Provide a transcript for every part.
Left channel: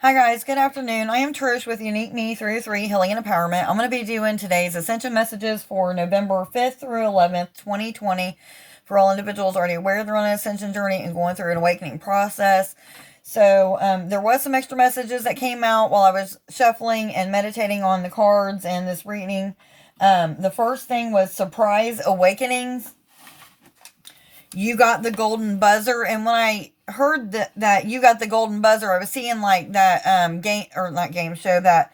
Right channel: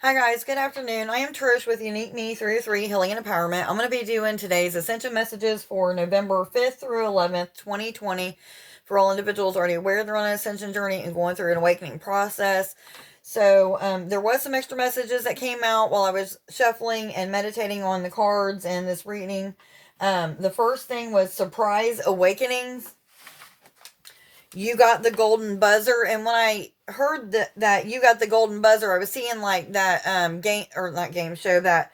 Hi guys, good afternoon. I am Trish with Unique Me through 3 Healing and Empowerment. I'm going to be doing today's Ascension messages for November 5th through 11th, 2020 for all individuals already aware they're on an Ascension journey and going through an awakening process. So there was some extra messages that came out while I was shuffling and meditating on the cards and this reading. The first thing was Surprise Awakenings. You got the golden buzzer, and when I heard that you got the golden buzzer, I was seeing like that game, or not game show, that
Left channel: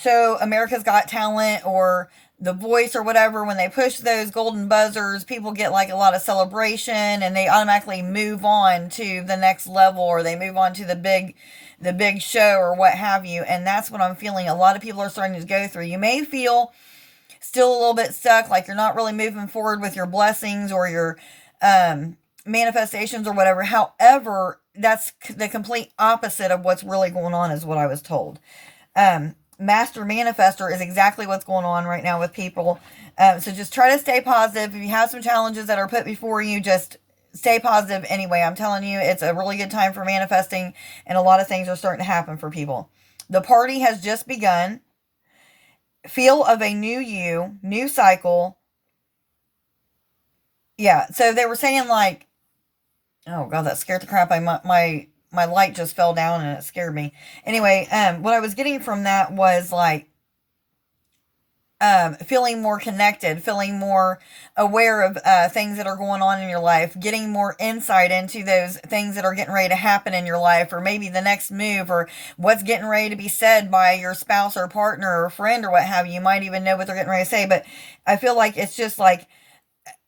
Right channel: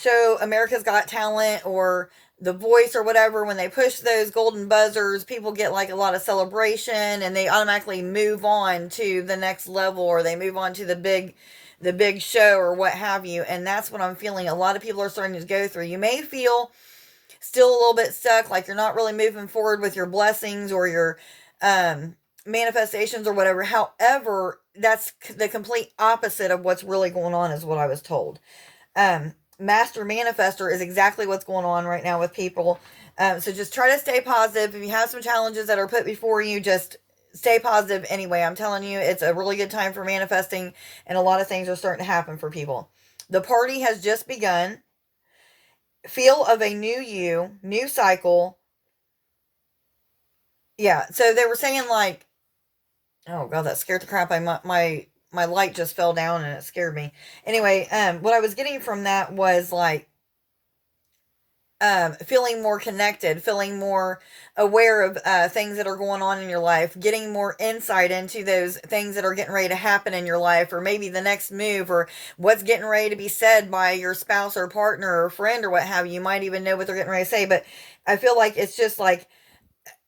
show America's Got Talent or The Voice or whatever. When they push those golden buzzers, people get like a lot of celebration and they automatically move on to the next level, or they move on to the big show or what have you. And that's what I'm feeling a lot of people are starting to go through. You may feel still a little bit stuck, like you're not really moving forward with your blessings or your manifestations or whatever. However, that's the complete opposite of what's really going on, is what I was told. Master Manifester is exactly what's going on right now with people. So just try to stay positive. If you have some challenges that are put before you, just stay positive anyway. I'm telling you, it's a really good time for manifesting, and a lot of things are starting to happen for people. The party has just begun. Feel of a new you, new cycle. Yeah, so they were saying like, oh god, that scared the crap out of my light just fell down and it scared me. Anyway, what I was getting from that was like feeling more connected, feeling more aware of things that are going on in your life, getting more insight into those things that are getting ready to happen in your life, or maybe the next move, or what's getting ready to be said by your spouse or partner or friend or what have you. You might even know what they're getting ready to say, but I feel like it's just like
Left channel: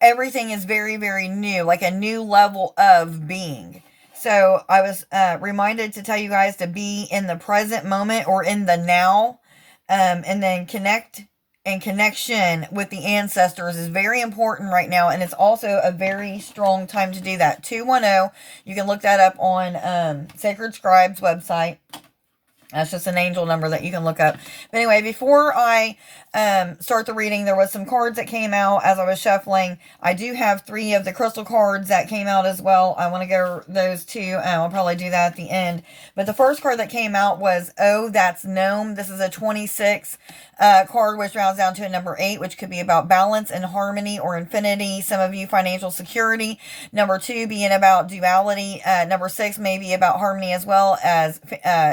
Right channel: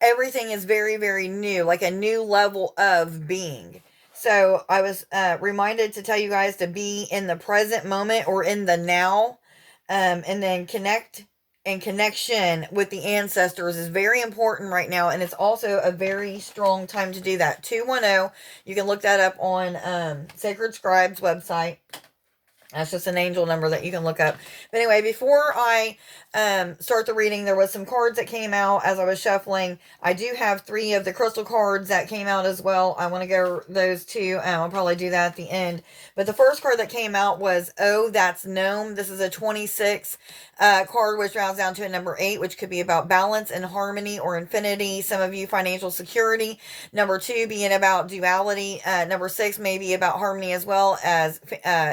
everything is very, very new, like a new level of being. So I was reminded to tell you guys to be in the present moment or in the now, and then connect, and connection with the ancestors is very important right now. And it's also a very strong time to do that. 210, you can look that up on Sacred Scribe's website. That's just an angel number that you can look up. But anyway, before I start the reading, there was some cards that came out as I was shuffling. I do have 3 of the crystal cards that came out as well. I want to go those too. I'll probably do that at the end. But the first card that came out was, Oh, That's Gnome. This is a 26 card, which rounds down to a number 8, which could be about balance and harmony or infinity. Some of you, financial security. Number 2 being about duality. Number 6 maybe about harmony as well as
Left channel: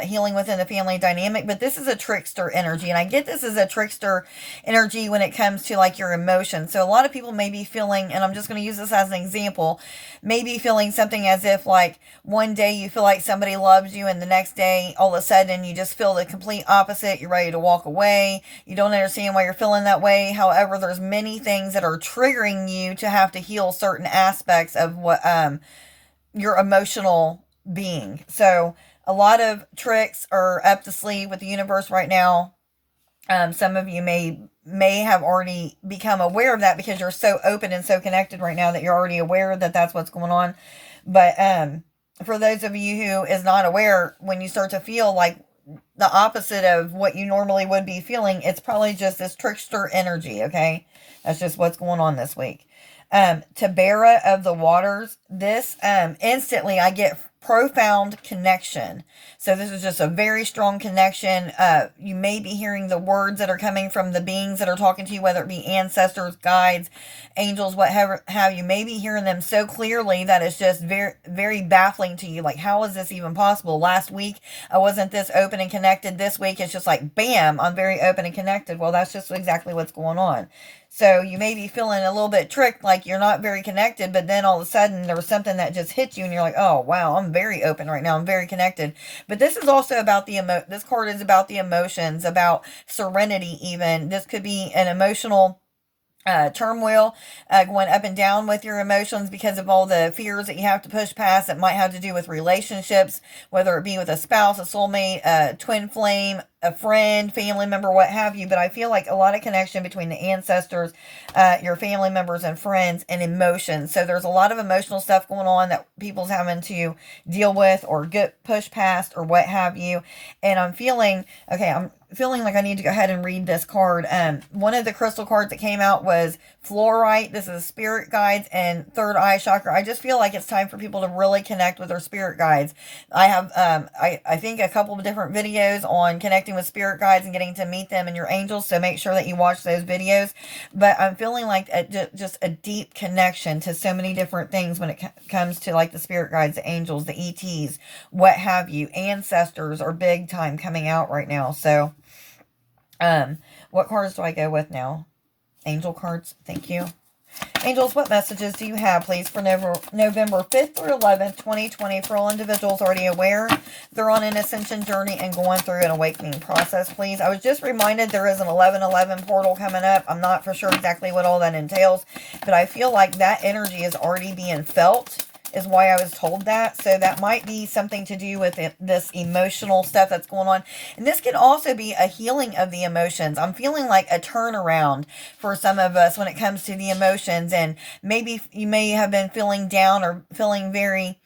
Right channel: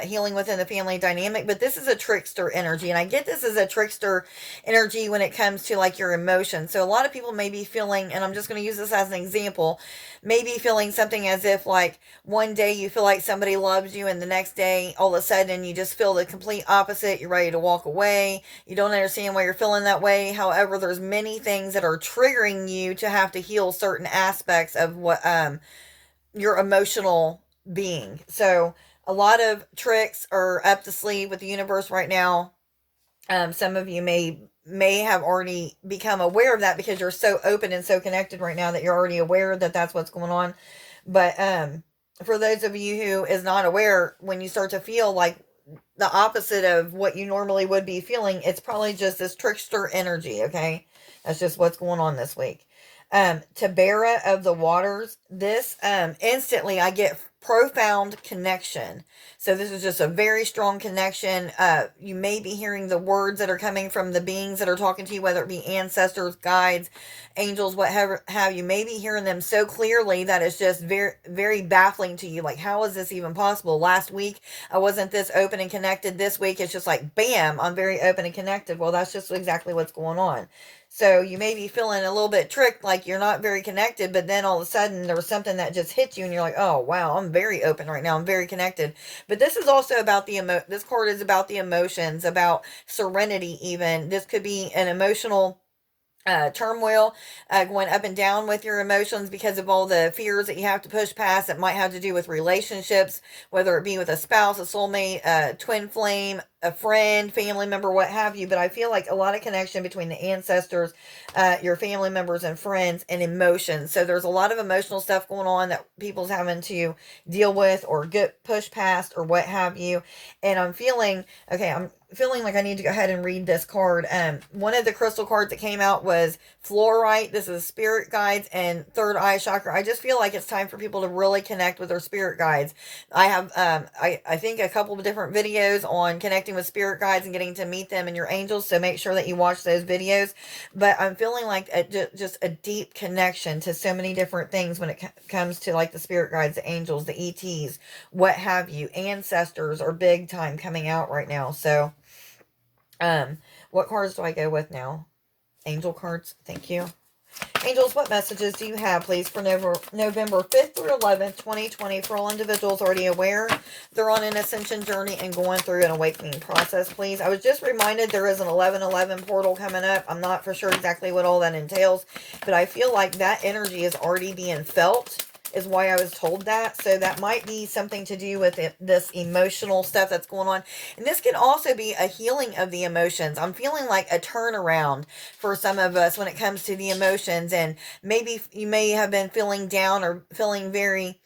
healing within the family dynamic. But this is a trickster energy, and I get this as a trickster energy when it comes to like your emotions. So a lot of people may be feeling, and I'm just going to use this as an example, maybe feeling something as if like one day you feel like somebody loves you, and the next day all of a sudden you just feel the complete opposite. You're ready to walk away. You don't understand why you're feeling that way. However, there's many things that are triggering you to have to heal certain aspects of what your emotional being. So a lot of tricks are up the sleeve with the universe right now. Some of you may have already become aware of that because you're so open and so connected right now that you're already aware that that's what's going on. But for those of you who is not aware, when you start to feel like the opposite of what you normally would be feeling, it's probably just this trickster energy. Okay, that's just what's going on this week. Tabera of the Waters. This instantly I get profound connection. So this is just a very strong connection. You may be hearing the words that are coming from the beings that are talking to you, whether it be ancestors, guides, angels, whatever have you. May be hearing them so clearly that it's just very, very baffling to you. Like, how is this even possible? Last week I wasn't this open and connected. This week it's just like, bam, I'm very open and connected. Well, that's just exactly what's going on. So you may be feeling a little bit tricked, like you're not very connected, but then all of a sudden there was something that just hit you and you're like, oh, wow, I'm very open right now. I'm very connected. But this is also about this card is about the emotions, about serenity even. This could be an emotional turmoil, going up and down with your emotions because of all the fears that you have to push past that might have to do with relationships, whether it be with a spouse, a soulmate, a twin flame, a friend, family member, what have you. But I feel like a lot of connection between the ancestors, your family members and friends, and emotions. So there's a lot of emotional stuff going on that people's having to deal with or get pushed past or what have you. And I'm feeling like I need to go ahead and read this card. One of the crystal cards that came out was fluorite. This is spirit guides and third eye chakra. I just feel like it's time for people to really connect with their spirit guides. I have, I think a couple of different videos on connecting with spirit guides and getting to meet them and your angels. So make sure that you watch those videos. But I'm feeling like just a deep connection to so many different things when it comes to like the spirit guides, the angels, the ETs, what have you. Ancestors are big time coming out right now. So, what cards do I go with now? Angel cards. Thank you. Angels, what messages do you have, please, for November 5th through 11th, 2020, for all individuals already aware they're on an ascension journey and going through an awakening process, please? I was just reminded there is an 1111 portal coming up. I'm not for sure exactly what all that entails, but I feel like that energy is already being felt, is why I was told that. So that might be something to do with this emotional stuff that's going on. And this could also be a healing of the emotions. I'm feeling like a turnaround for some of us when it comes to the emotions. And maybe you may have been feeling down or feeling very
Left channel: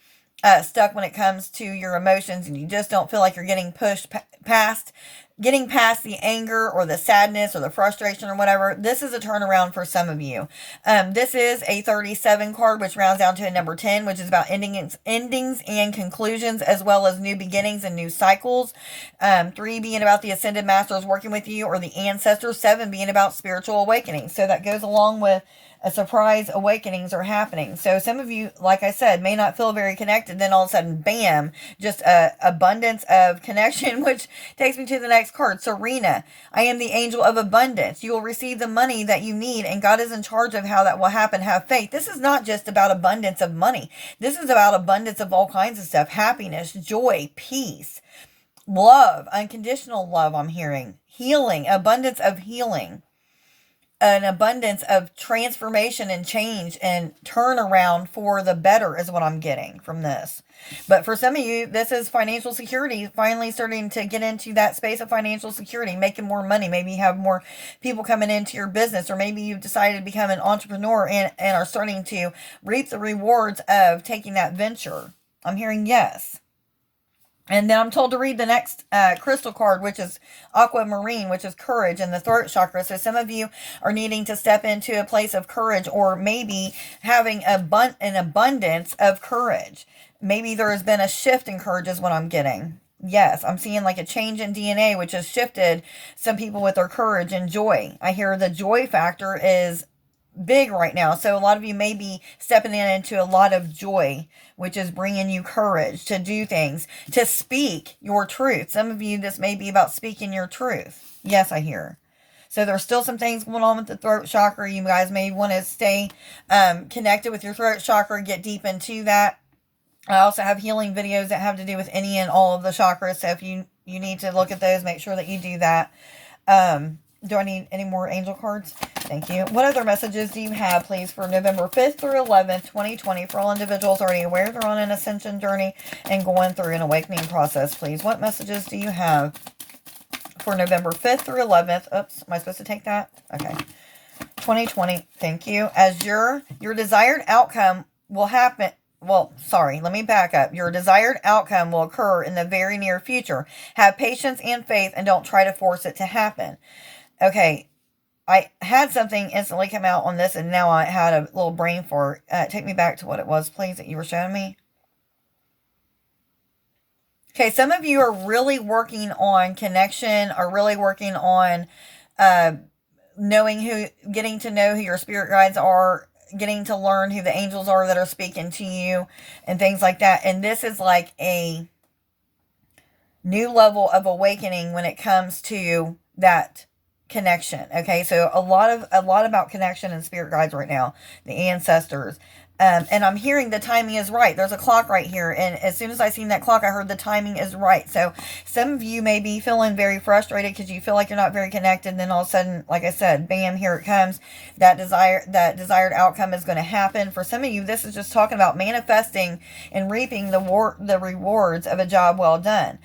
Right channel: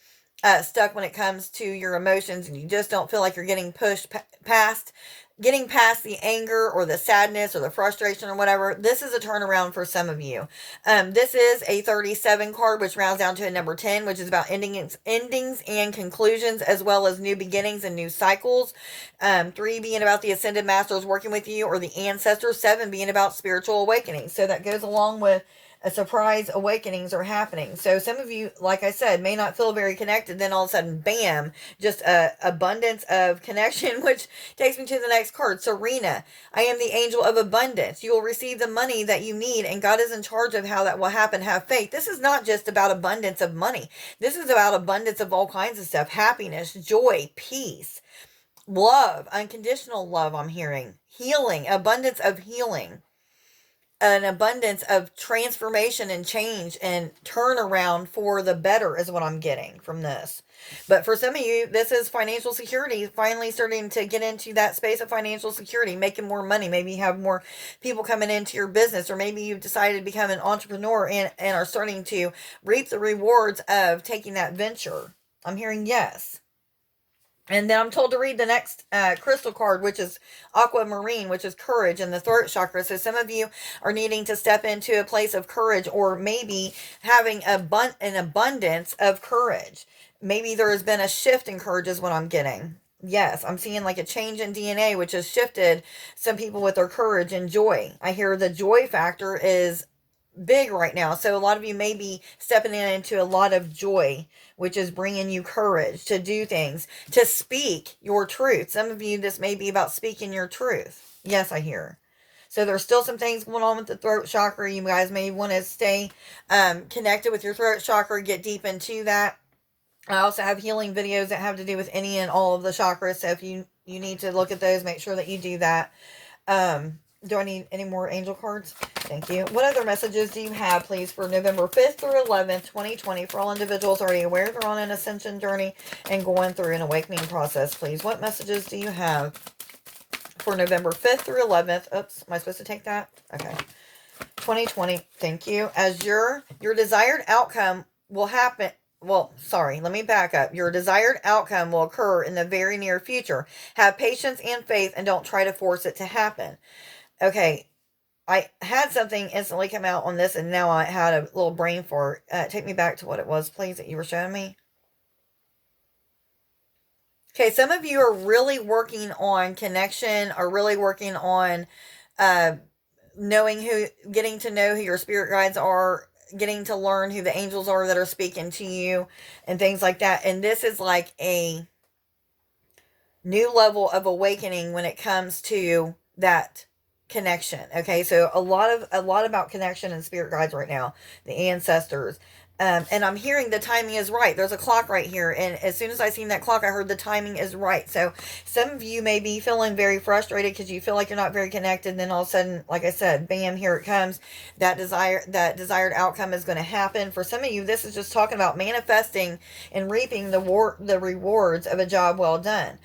stuck when it comes to your emotions, and you just don't feel like you're getting pushed past the anger or the sadness or the frustration or whatever. This is a turnaround for some of you. This is a 37 card, which rounds down to a number 10, which is about endings and conclusions, as well as new beginnings and new cycles. 3 being about the ascended masters working with you, or the ancestors. 7 being about spiritual awakening. So that goes along with a surprise awakenings are happening. So some of you, like I said, may not feel very connected. Then all of a sudden, bam, just a abundance of connection, which takes me to the next card. Serena, I am the angel of abundance. You will receive the money that you need, and God is in charge of how that will happen. Have faith. This is not just about abundance of money. This is about abundance of all kinds of stuff. Happiness, joy, peace, love, unconditional love. I'm hearing healing, abundance of healing. An abundance of transformation and change and turnaround for the better is what I'm getting from this. But for some of you, this is financial security, finally starting to get into that space of financial security, making more money. Maybe you have more people coming into your business, or maybe you've decided to become an entrepreneur and are starting to reap the rewards of taking that venture. I'm hearing yes. And then I'm told to read the next crystal card, which is aquamarine, which is courage and the throat chakra. So some of you are needing to step into a place of courage, or maybe having an abundance of courage. Maybe there has been a shift in courage is what I'm getting. Yes, I'm seeing like a change in DNA, which has shifted some people with their courage and joy. I hear the joy factor is big right now. So a lot of you may be stepping into a lot of joy, which is bringing you courage to do things, to speak your truth. Some of you, this may be about speaking your truth. Yes, I hear. So there's still some things going on with the throat chakra. You guys may want to stay connected with your throat chakra, get deep into that. I also have healing videos that have to do with any and all of the chakras. So if you need to look at those, make sure that you do that. Do I need any more angel cards? Thank you. What other messages do you have, please, for November 5th through 11th, 2020, for all individuals already aware they're on an ascension journey and going through an awakening process, please? What messages do you have for November 5th through 11th? Oops, am I supposed to take that? Okay. 2020, thank you. As your desired outcome will happen. Well, sorry, let me back up. Your desired outcome will occur in the very near future. Have patience and faith, and don't try to force it to happen. Okay, I had something instantly come out on this, and now I had a little brain fart. Take me back to what it was, please, that you were showing me. Okay, some of you are really working on connection, are really working on getting to know who your spirit guides are, getting to learn who the angels are that are speaking to you, and things like that. And this is like a new level of awakening when it comes to that connection. Okay, so a lot about connection and spirit guides right now, the ancestors. And I'm hearing the timing is right. There's a clock right here, and as soon as I seen that clock, I heard the timing is right. So some of you may be feeling very frustrated because you feel like you're not very connected, and then all of a sudden, like I said, bam, here it comes. That desired outcome is going to happen. For some of you, this is just talking about manifesting and reaping the rewards of a job well done.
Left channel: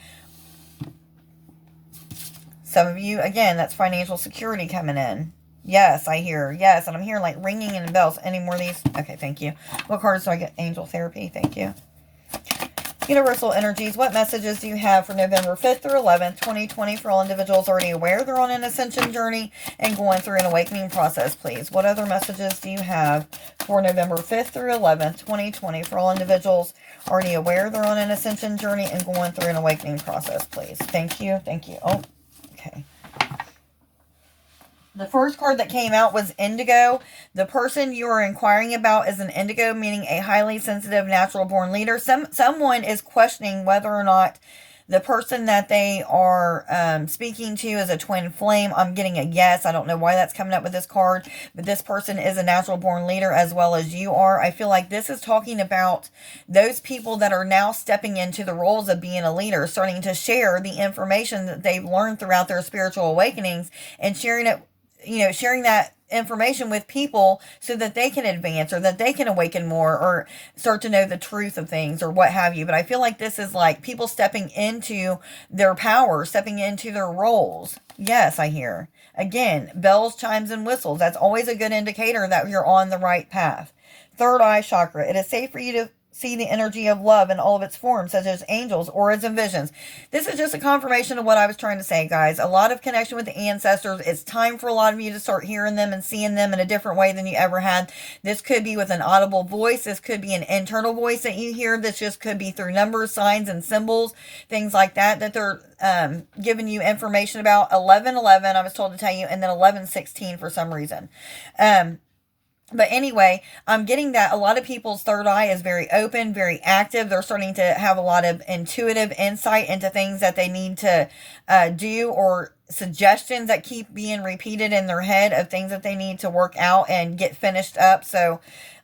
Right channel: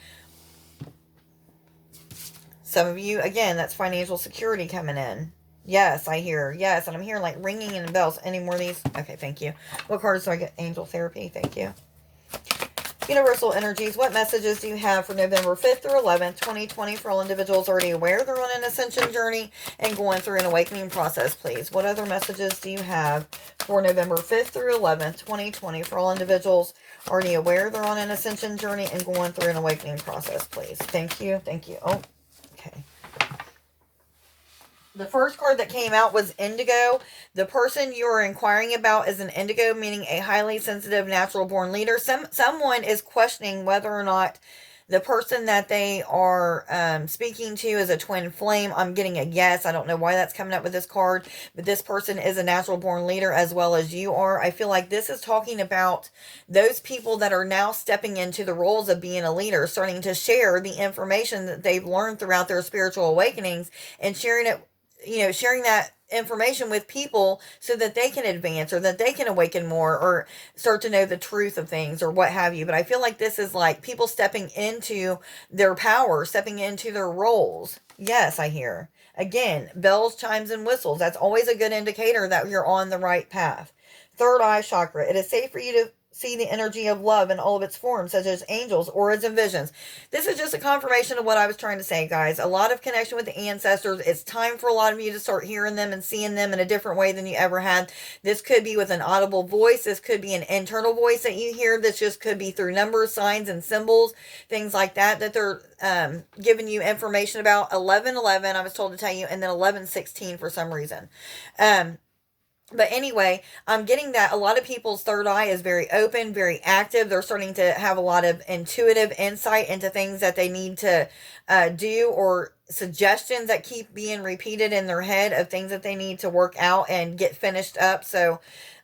Some of you, again, that's financial security coming in. Yes, I hear. Yes, and I'm hearing like ringing in the bells. Any more of these? Okay, thank you. What cards do I get? Angel therapy. Thank you. Universal energies, what messages do you have for November 5th through 11th, 2020 for all individuals already aware they're on an ascension journey and going through an awakening process, please? What other messages do you have for November 5th through 11th, 2020 for all individuals already aware they're on an ascension journey and going through an awakening process, please? Thank you. Thank you. Oh, okay. The first card that came out was Indigo. The person you are inquiring about is an Indigo, meaning a highly sensitive, natural-born leader. Someone is questioning whether or not the person that they are speaking to is a twin flame. I'm getting a yes. I don't know why that's coming up with this card, but this person is a natural-born leader as well as you are. I feel like this is talking about those people that are now stepping into the roles of being a leader, starting to share the information that they've learned throughout their spiritual awakenings and sharing it, sharing that information with people so that they can advance or that they can awaken more or start to know the truth of things or what have you. But I feel like this is like people stepping into their power, stepping into their roles. Yes, I hear. Again, bells, chimes, and whistles. That's always a good indicator that you're on the right path. Third eye chakra. It is safe for you to see the energy of love in all of its forms, such as angels, auras, and visions. This is just a confirmation of what I was trying to say, guys. A lot of connection with the ancestors. It's time for a lot of you to start hearing them and seeing them in a different way than you ever had. This could be with an audible voice. This could be an internal voice that you hear. This just could be through numbers, signs, and symbols, things like that, that they're giving you information about. 11:11, I was told to tell you, and then 11:16 for some reason. But anyway, I'm getting that a lot of people's third eye is very open, very active. They're starting to have a lot of intuitive insight into things that they need to do, or suggestions that keep being repeated in their head of things that they need to work out and get finished up. So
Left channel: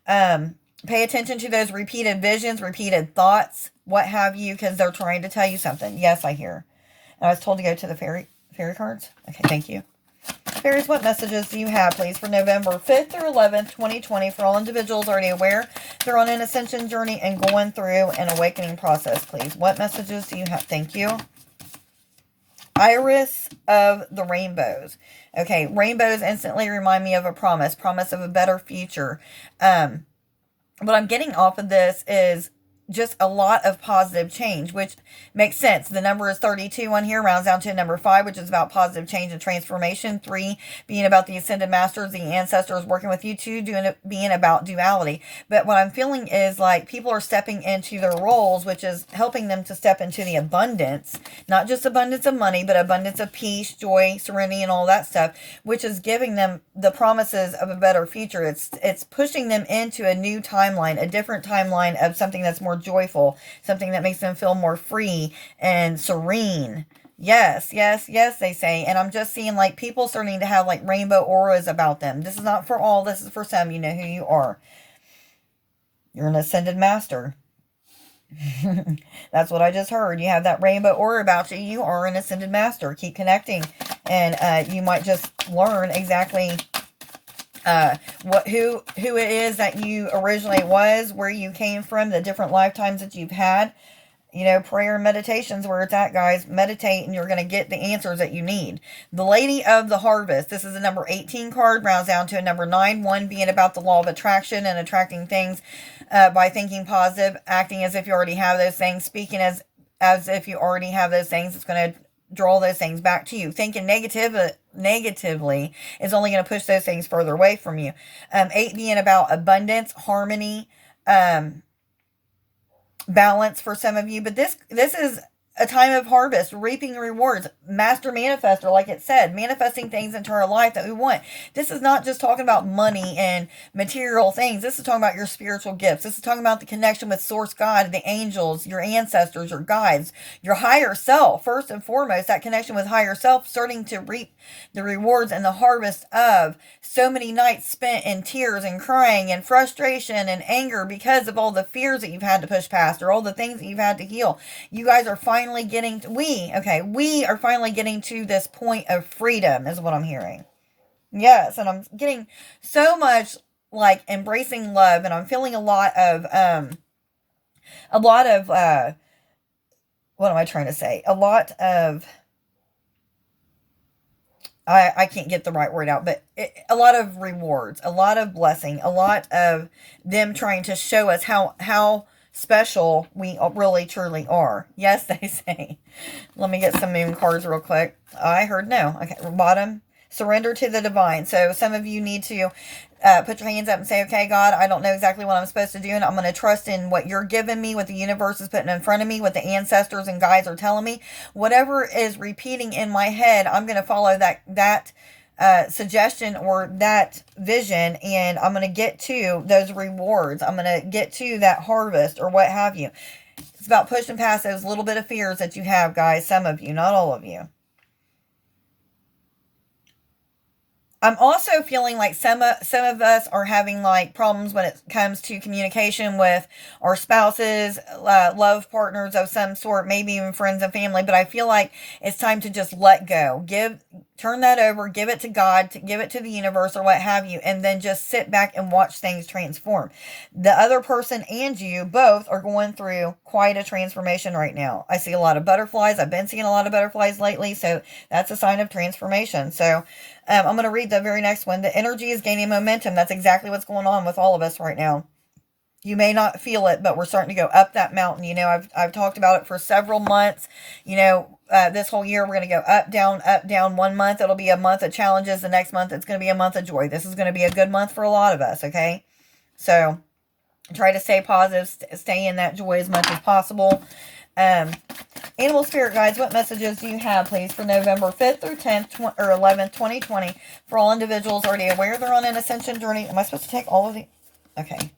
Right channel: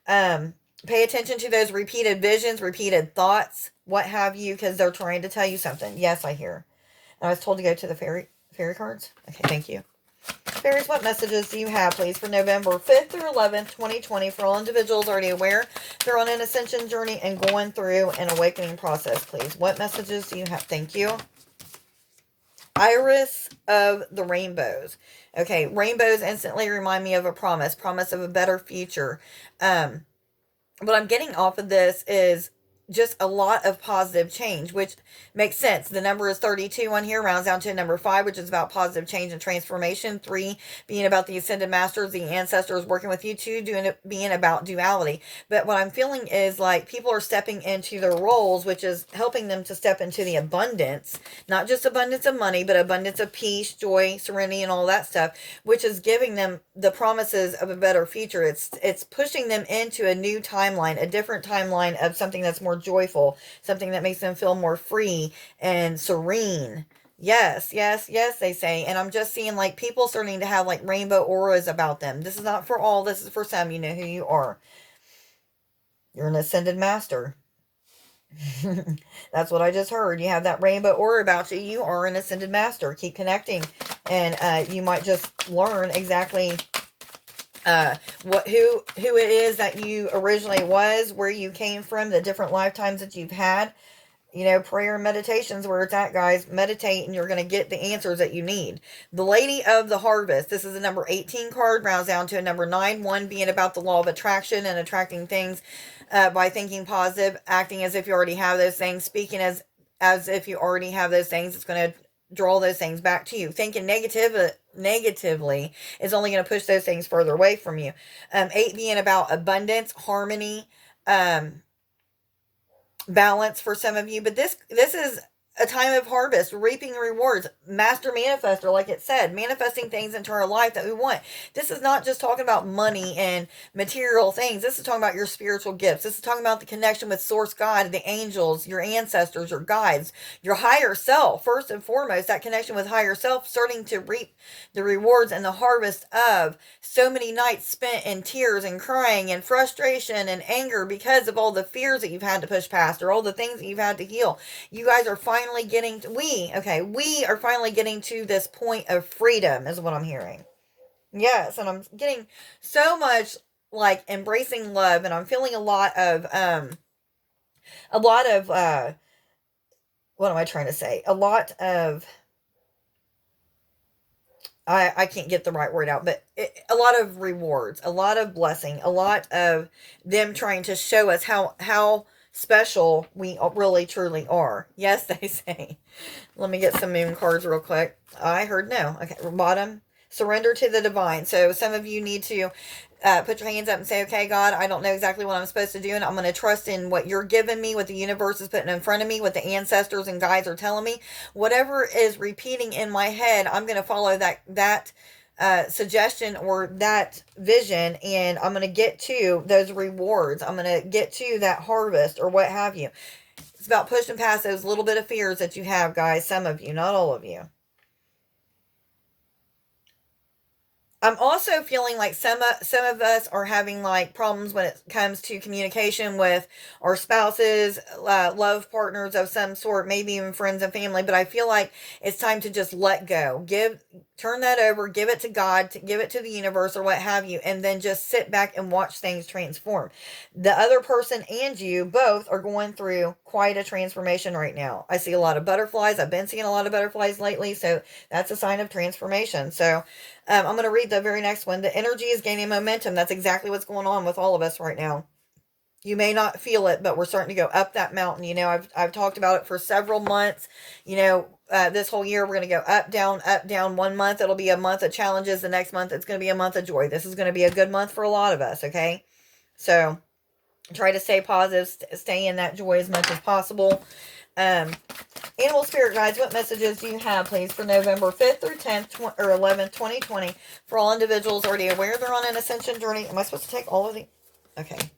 pay attention to those repeated visions, repeated thoughts, what have you, because they're trying to tell you something. Yes, I hear. And I was told to go to the fairy cards. Okay, thank you. Fairies, what messages do you have, please, for November 5th through 11th, 2020, for all individuals already aware they're on an ascension journey and going through an awakening process, please? What messages do you have? Thank you. Iris of the rainbows. Okay, rainbows instantly remind me of a promise of a better future. What I'm getting off of this is just a lot of positive change, which makes sense. The number is 32 on here, rounds down to number 5, which is about positive change and transformation. 3 being about the ascended masters, the ancestors working with you. 2 being about duality. But what I'm feeling is like people are stepping into their roles, which is helping them to step into the abundance, not just abundance of money, but abundance of peace, joy, serenity, and all that stuff, which is giving them the promises of a better future. It's pushing them into a new timeline, a different timeline of something that's more joyful, something that makes them feel more free and serene. Yes, yes, yes, they say. And I'm just seeing like people starting to have like rainbow auras about them. This is not for all, this is for some. You know who you are. You're an ascended master. That's what I just heard. You have that rainbow aura about you. You are an ascended master. Keep connecting. And you might just learn exactly who it is that you originally was, where you came from, the different lifetimes that you've had. Prayer and meditation's where it's at, guys. Meditate and you're going to get the answers that you need. The Lady of the Harvest. This is a number 18 card, rounds down to a number 9. 1 being about the law of attraction and attracting things by thinking positive, acting as if you already have those things, speaking as if you already have those things. It's going to draw those things back to you. Thinking negatively is only going to push those things further away from you. 8 being about abundance, harmony, balance for some of you. But this is a time of harvest, reaping rewards, master manifester, like it said, manifesting things into our life that we want. This is not just talking about money and material things. This is talking about your spiritual gifts. This is talking about the connection with Source God, the angels, your ancestors, your guides, your higher self. First and foremost, that connection with higher self, starting to reap the rewards and the harvest of so many nights spent in tears and crying and frustration and anger because of all the fears that you've had to push past or all the things that you've had to heal. You guys are finally getting we are finally getting to this point of freedom, is what I'm hearing. Yes, and I'm getting so much like embracing love, and I'm feeling a lot of what am I trying to say? A lot of I can't get the right word out, but a lot of rewards, a lot of blessing, a lot of them trying to show us how special we really truly are. Yes, they say. Let me get some moon cards real quick. I heard no. Okay, bottom. Surrender to the divine. So some of you need to put your hands up and say, okay, God, I don't know exactly what I'm supposed to do, and I'm going to trust in what you're giving me, what the universe is putting in front of me, what the ancestors and guides are telling me. Whatever is repeating in my head, I'm going to follow that suggestion or that vision, and I'm going to get to those rewards. I'm going to get to that harvest or what have you. It's about pushing past those little bit of fears that you have, guys. Some of you, not all of you. I'm also feeling like some of us are having like problems when it comes to communication with our spouses, love partners of some sort, maybe even friends and family. But I feel like it's time to just let go, turn that over, give it to God, give it to the universe or what have you, and then just sit back and watch things transform. The other person and you both are going through quite a transformation right now. I see a lot of butterflies. I've been seeing a lot of butterflies lately, so that's a sign of transformation. So I'm going to read the very next one. The energy is gaining momentum. That's exactly what's going on with all of us right now. You may not feel it, but we're starting to go up that mountain. You know, I've talked about it for several months. You know, this whole year we're going to go up, down, up, down. 1 month, it'll be a month of challenges. The next month, it's going to be a month of joy. This is going to be a good month for a lot of us, okay? So try to stay positive, stay in that joy as much as possible. Animal spirit guides, what messages do you have, please, for November 5th through 10th or 11th, 2020, for all individuals already aware they're on an ascension journey? Am I supposed to take all of the... Okay.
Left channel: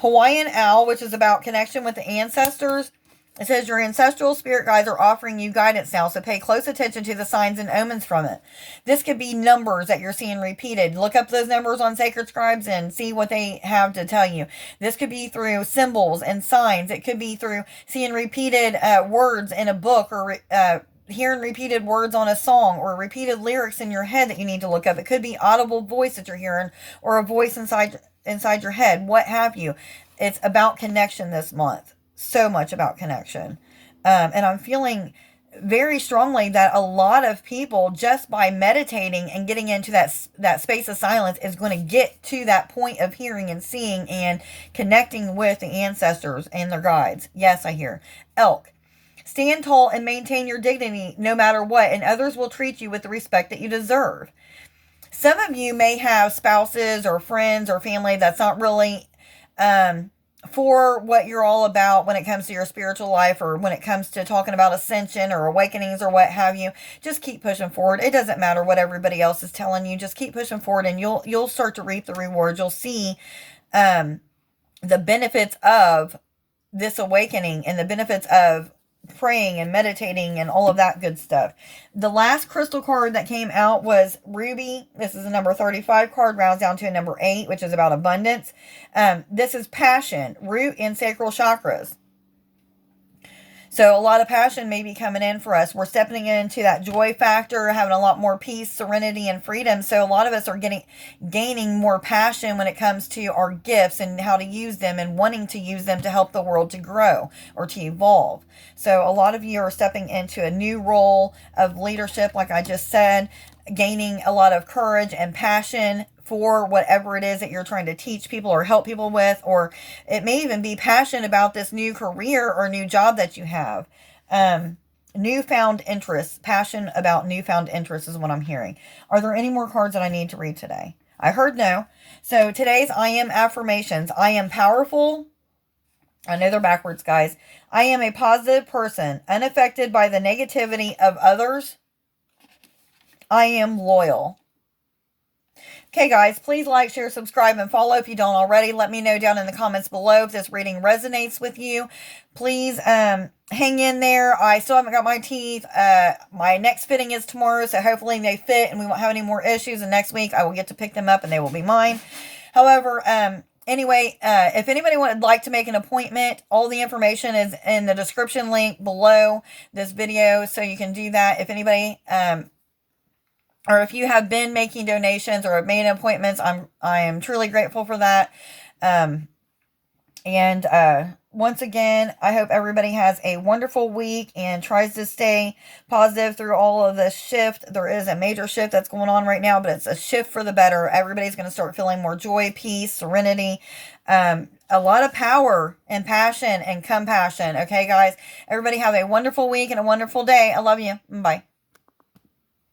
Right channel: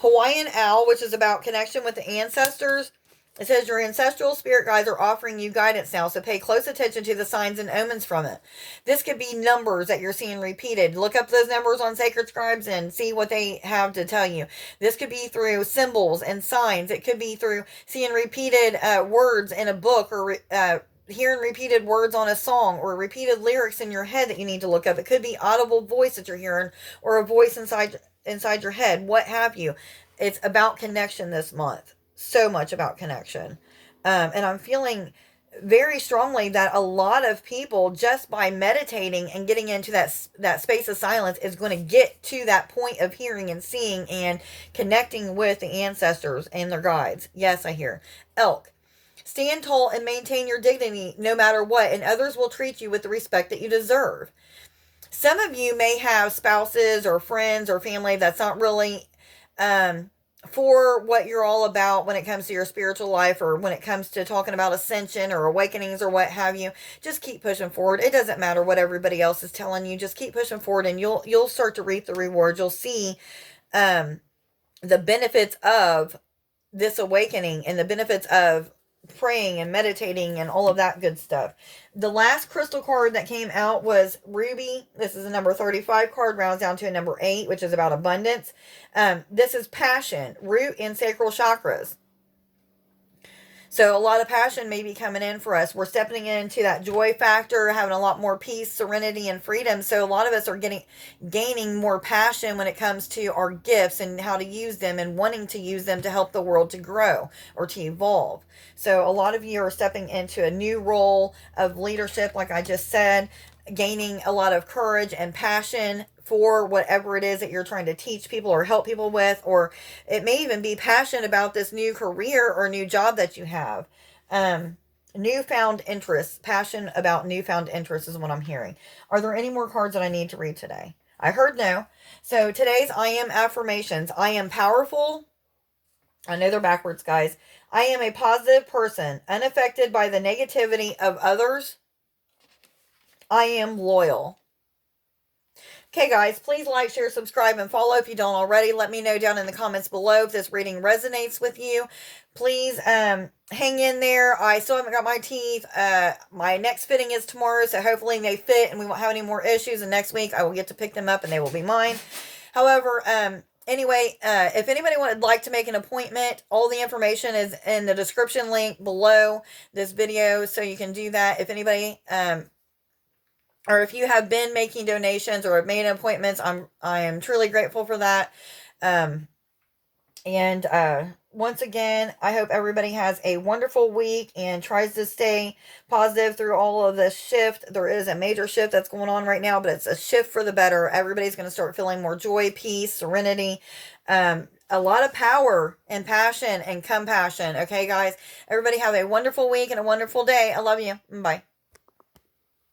Hawaiian Owl, which is about connection with the ancestors. It says your ancestral spirit guides are offering you guidance now, so pay close attention to the signs and omens from it. This could be numbers that you're seeing repeated. Look up those numbers on Sacred Scribes and see what they have to tell you. This could be through symbols and signs. It could be through seeing repeated words in a book, or hearing repeated words on a song, or repeated lyrics in your head that you need to look up. It could be audible voice that you're hearing, or a voice inside your head, what have you. It's about connection this month. So much about connection. And I'm feeling very strongly that a lot of people, just by meditating and getting into that space of silence, is going to get to that point of hearing and seeing and connecting with the ancestors and their guides. Yes, I hear. Elk. Stand tall and maintain your dignity no matter what, and others will treat you with the respect that you deserve. Some of you may have spouses or friends or family that's not really for what you're all about when it comes to your spiritual life, or when it comes to talking about ascension or awakenings or what have you. Just keep pushing forward. It doesn't matter what everybody else is telling you. Just keep pushing forward, and you'll start to reap the rewards. You'll see the benefits of this awakening and the benefits of praying and meditating and all of that good stuff. The last crystal card that came out was Ruby. This is a number 35 card, rounds down to a number 8, which is about abundance. This is passion, root, and sacral chakras. So a lot of passion may be coming in for us. We're stepping into that joy factor, having a lot more peace, serenity, and freedom. So a lot of us are gaining more passion when it comes to our gifts and how to use them, and wanting to use them to help the world to grow or to evolve. So a lot of you are stepping into a new role of leadership, like I just said, gaining a lot of courage and passion for whatever it is that you're trying to teach people or help people with, or it may even be passion about this new career or new job that you have. Newfound interest, passion about newfound interest is what I'm hearing. Are there any more cards that I need to read today? I heard no. So today's I am affirmations. I am powerful. I know they're backwards, guys. I am a positive person, unaffected by the negativity of others. I am loyal. Okay, guys, please like, share, subscribe, and follow if you don't already. Let me know down in the comments below if this reading resonates with you. Please hang in there. I still haven't got my teeth. My next fitting is tomorrow, so hopefully they fit and we won't have any more issues. And next week I will get to pick them up and they will be mine. However, anyway, if anybody would like to make an appointment, all the information is in the description link below this video, so you can do that. If anybody... or if you have been making donations or have made appointments, I am truly grateful for that. Once again, I hope everybody has a wonderful week and tries to stay positive through all of this shift. There is a major shift that's going on right now, but it's a shift for the better. Everybody's going to start feeling more joy, peace, serenity. a lot of power and passion and compassion. Okay, guys? Everybody have a wonderful week and a wonderful day. I love you. Bye.